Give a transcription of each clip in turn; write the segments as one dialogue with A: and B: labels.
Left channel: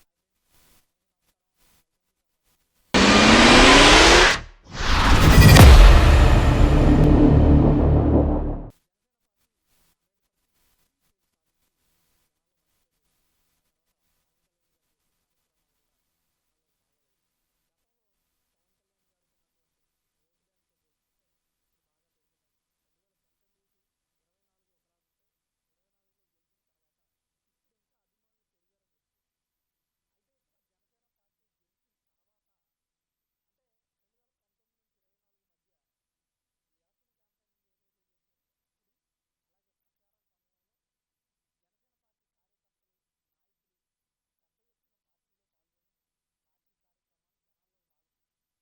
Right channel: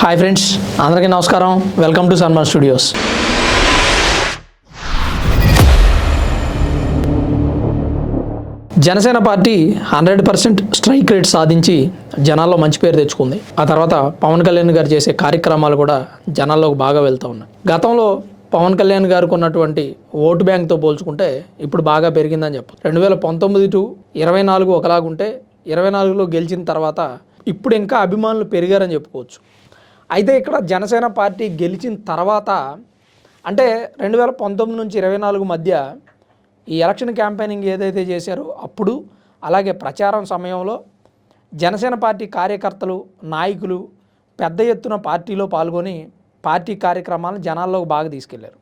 A: Hi friends అందరికీ నమస్కారం. Welcome to Sanman studios Janasena party hundred percent strike rate సాధించి జనాల్లో మంచి పేరు తెచ్చుకుంది. ఆ తర్వాత పవన్ కళ్యాణ్ గారు చేసే కార్యక్రమాలు కూడా జనాల్లోకి బాగా వెళ్తూ ఉన్నాయి. గతంలో పవన్ కళ్యాణ్ గారికి ఉన్నటువంటి ఓటు బ్యాంక్తో పోల్చుకుంటే ఇప్పుడు బాగా పెరిగిందని చెప్పచ్చు. రెండు వేల పంతొమ్మిది టు ఇరవై నాలుగు ఒకలాగుంటే ఇరవై నాలుగులో గెలిచిన తర్వాత ఇప్పుడు ఇంకా అభిమానులు పెరిగారని చెప్పుకోవచ్చు. అయితే ఇక్కడ జనసేన పార్టీ గెలిచిన తర్వాత అంటే రెండు వేల పంతొమ్మిది నుంచి ఇరవై నాలుగు మధ్య ఈ ఎలక్షన్ క్యాంపెయినింగ్ ఏదైతే చేశారో అప్పుడు అలాగే ప్రచారం సమయంలో జనసేన పార్టీ కార్యకర్తలు నాయకులు పెద్ద ఎత్తున పార్టీలో పాల్గొని పార్టీ కార్యక్రమాలను జనాల్లోకి బాగా తీసుకెళ్ళారు.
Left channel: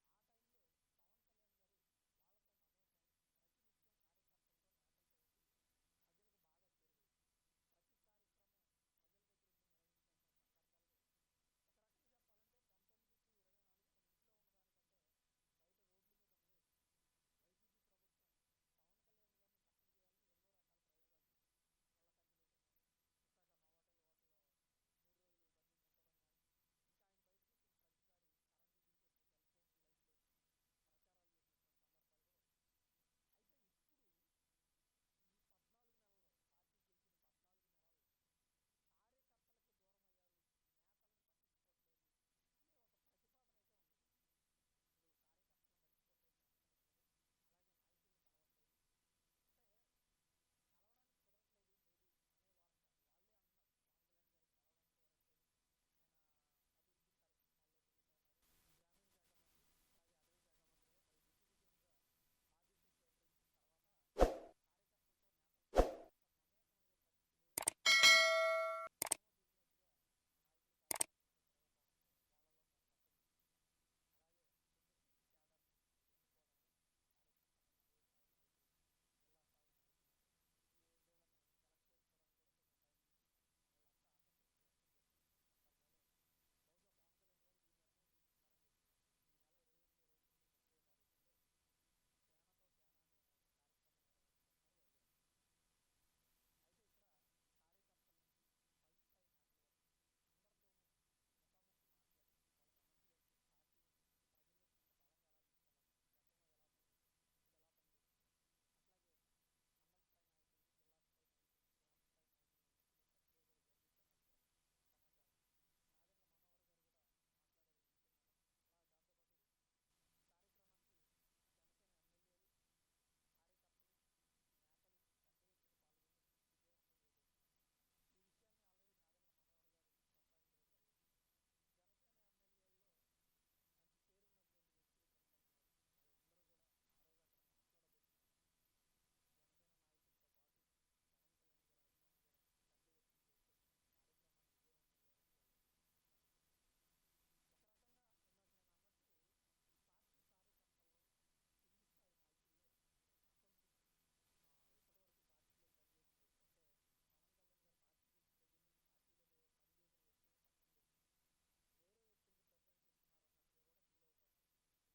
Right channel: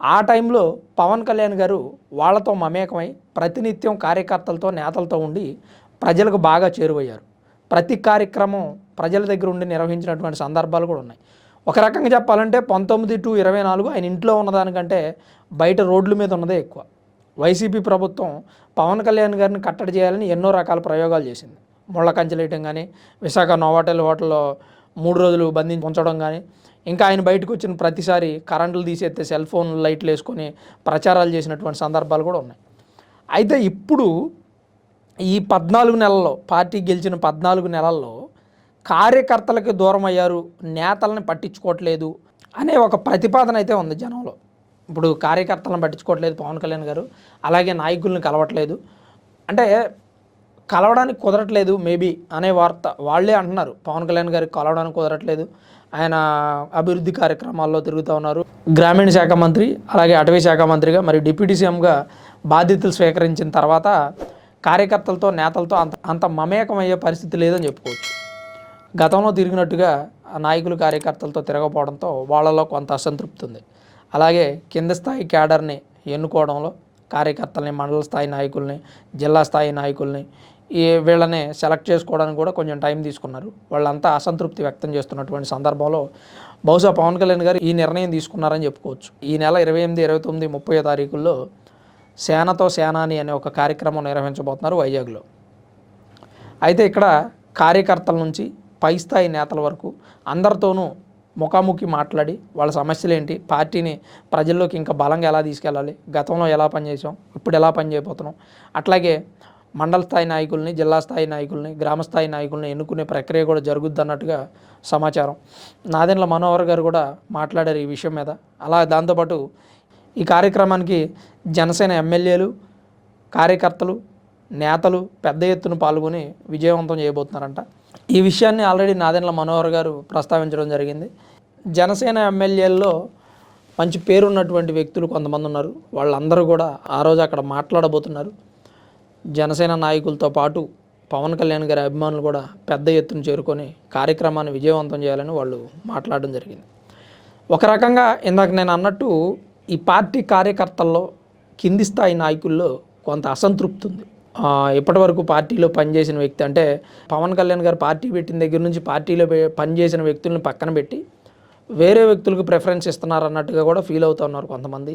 A: ఆ టైంలో పవన్ కళ్యాణ్ గారు వాళ్ళతో మమేకమై ప్రతినిత్యం కార్యకర్తలతో నేతలతో ఉండి ప్రజలకు బాగా చేరువయ్యారు. ప్రతి కార్యక్రమం ప్రజల దగ్గర ఉండి నిర్వహించినటువంటి సందర్భాలు కూడా ఉన్నాయి. ఒక రకంగా చెప్పాలంటే పంతొమ్మిది టు ఇరవై నాలుగు ఆయన ఇంట్లో ఉన్నదానికంటే బయట రోడ్ల మీద ఉన్నదే ఎక్కువ. వైసీపీ ప్రభుత్వం పవన్ కళ్యాణ్ గారిని కట్టడి చేయాలని ఎన్నో రకాల ప్రయోగాలు చేసింది. ముళ్ళ కంచెలేయటం కానీ విశాఖ నోవాటెల్ హోటల్లో మూడు రోజులు బంధించి ఉంచడం కానీ ఇంకా ఆయన బయటకు వచ్చిన ప్రతిసారి కరెంటులు తీసేస్తే సెల్ ఫోన్ లైట్లు వేసుకొని ప్రచారాలు చేసినటువంటి సందర్భాలు కూడా ఉన్నాయి. అయితే ఇప్పుడు ఈ పద్నాలుగు నెలల్లో పార్టీ గెలిచిన పద్నాలుగు నెలల్లో కార్యకర్తలకి దూరం అయ్యారు నేతలను పట్టించుకోవట్లేదు అనే ఒక ప్రతిపాదన అయితే ఉంది జనంలో. ఇప్పుడు కార్యకర్తలను పట్టించుకోవట్లేదు పవన్ కళ్యాణ్ గారు అలాగే నాయకులను కలవట్లేదు. అంటే కలవడానికి కుదరట్లేదు మేబీ అనే వార్త వాళ్ళే అంటున్నారు. పవన్ కళ్యాణ్ గారికి కలవడానికి కుదరట్లేదు. ఆయన అభివృద్ధి కార్యక్రమాల్లో తిరుగుతూ ఉన్నారు. గ్రామీణ శాఖ మంత్రి అలాగే అటవీ శాఖ మంత్రిగా మరి డిప్యూటీ సీఎంగా బాధ్యతలు స్వీకరించిన తర్వాత కార్యకర్తలతో నేతలతో అంత అంత మమేకమయ్యే పరిస్థితి లేదని చెప్పుకోవచ్చు. గతంలో తిరిగినట్టుగా నాయకులు కార్యకర్తలతో తిరగపోవడంతో వాళ్ళలో కొంత అసంతృప్తి ఉంది. అలాగే కింద స్థాయి క్యాడర్ని ఎన్నుకోవడంలో కార్యకర్తల్ని మండల స్థాయి నాయకుల్ని జిల్లా స్థాయి నాయకుల్ని ఈ వీళ్ళని సెలెక్ట్ చేసుకోవడానికి కూడా కొంచెం టైం తీసుకున్నారు. వాళ్ళంతా అసంతృప్తి వ్యక్తం చేస్తున్నటువంటి సందర్భంలో బహుశా పవన్ కళ్యాణ్ గారు ఈ నిర్ణయం తీసుకున్నారని చెప్పుకోవచ్చు. ఈ నెల ఇరవై ఎనిమిది ఇరవై తొమ్మిది ముప్పై తారీఖుల్లో సేనతో సేనాని అనే ఒక కార్యక్రమం నిర్వహించబోతున్నారు వైజాగ్లో. అయితే ఇక్కడ కార్యకర్తల నుంచి పై స్థాయి నేతల వరకు అందరితోనూ ముఖాముఖి మాట్లాడి వాళ్ళ సమస్యలు ఏంటి పార్టీని ప్రజల్లోకి ఇంకా బలంగా ఎలా తీసుకెళ్ళాలి గతంలో ఎలా పనిచేసాం ఇప్పుడు ఎలా పనిచేయబోతున్నాం అట్లాగే మండల స్థాయి నాయకుల్ని జిల్లా స్థాయి నాయకుల్ని గ్రామ స్థాయి నాయకుల్ని ఎన్నుకునే ప్రక్రియ కూడా జరుగుద్ది అన్నట్టుగా సమాచారం. నాదెండ్ల మనోహర్ గారు కూడా మాట్లాడారు ఈ విషయం మీద. అలా దాంతోపాటు ఈ కార్యక్రమానికి జనసేన ఎమ్మెల్యేలు కార్యకర్తలు నేతలు పెద్ద ఎత్తున పాల్గొని విజయవంతం చేయబోతున్నారంట. ఈ విషయాన్ని ఆల్రెడీ నాదెండ్ల మనోహర్ గారు ప్రస్తావించడం జరిగింది. జనసేన ఎమ్మెల్యేల్లో మంచి పేరున్నటువంటి వ్యక్తులు కొంతమంది ఉన్నారు. వాళ్ళందరూ కూడా ఆ రోజు అక్కడ మాట్లాడబోతున్నారు. జనసేన నాయకులతో పాటు పవన్ కళ్యాణ్ గారి అభిమానులు కూడా పెద్ద ఎత్తున చేరుకొని కార్యక్రమాన్ని విజయవంతం చేయాలని వాళ్ళు మాట్లాడడం జరిగింది. ఒక రకంగా ఇందాక నేను అన్నట్టు ఈ పార్టీ కార్యకర్తల్లో కింది స్థాయి నాయకుల్లో కొంత అసంతృప్తి ఉంది. ఇప్పటివరకు పార్టీలో పనిచేసిన వ్యక్తి అంటే పవన్ కళ్యాణ్ గారు పార్టీ పెట్టిన దగ్గర నుంచి పార్టీలో పనిచేసిన వ్యక్తులను పక్కన పెట్టి వేరే వ్యక్తులకు ప్రిఫరెన్స్ ఇస్తున్నారు అన్నట్టుగా కూడా ఫీల్ అవుతూ ఉన్నారు కొంతమంది.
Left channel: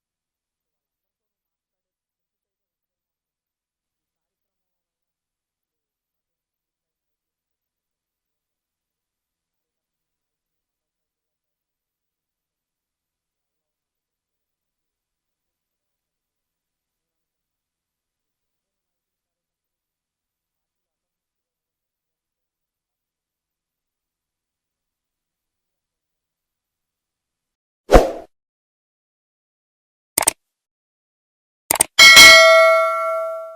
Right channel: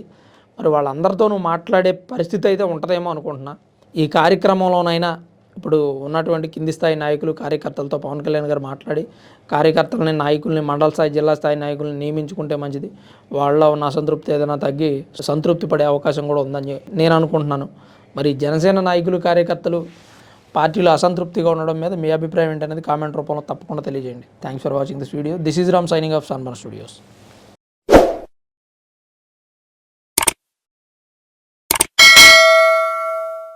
A: మరి వాళ్ళందరితోనూ మాట్లాడే పరిస్థితి అయితే ఉంటుందేమో అనుకుంటున్నా. ఈ కార్యక్రమంలోనైనా ఇప్పుడు ఉన్నటువంటి కింది స్థాయి నాయకులు కార్యకర్తలతో పవన్ కళ్యాణ్ గారు మాట్లాడి కార్యకర్తలని నాయకుల్ని మండల స్థాయి జిల్లా స్థాయి నాయకుల్ని నియమించుకుంటే మంచిది. వాళ్ళ ఉన్న అసంతృప్తి ఏదైనా తగ్గి సంతృప్తి పడే అవకాశం కూడా ఉందని నేను అనుకుంటున్నాను. మరి జనసేన నాయకులు కార్యకర్తలు పార్టీలో అసంతృప్తిగా ఉండడం మీద మీ అభిప్రాయం ఏంటనేది కామెంట్ రూపంలో తప్పకుండా తెలియజేయండి. Thanks for watching this video this is Ram signing off Sanman studios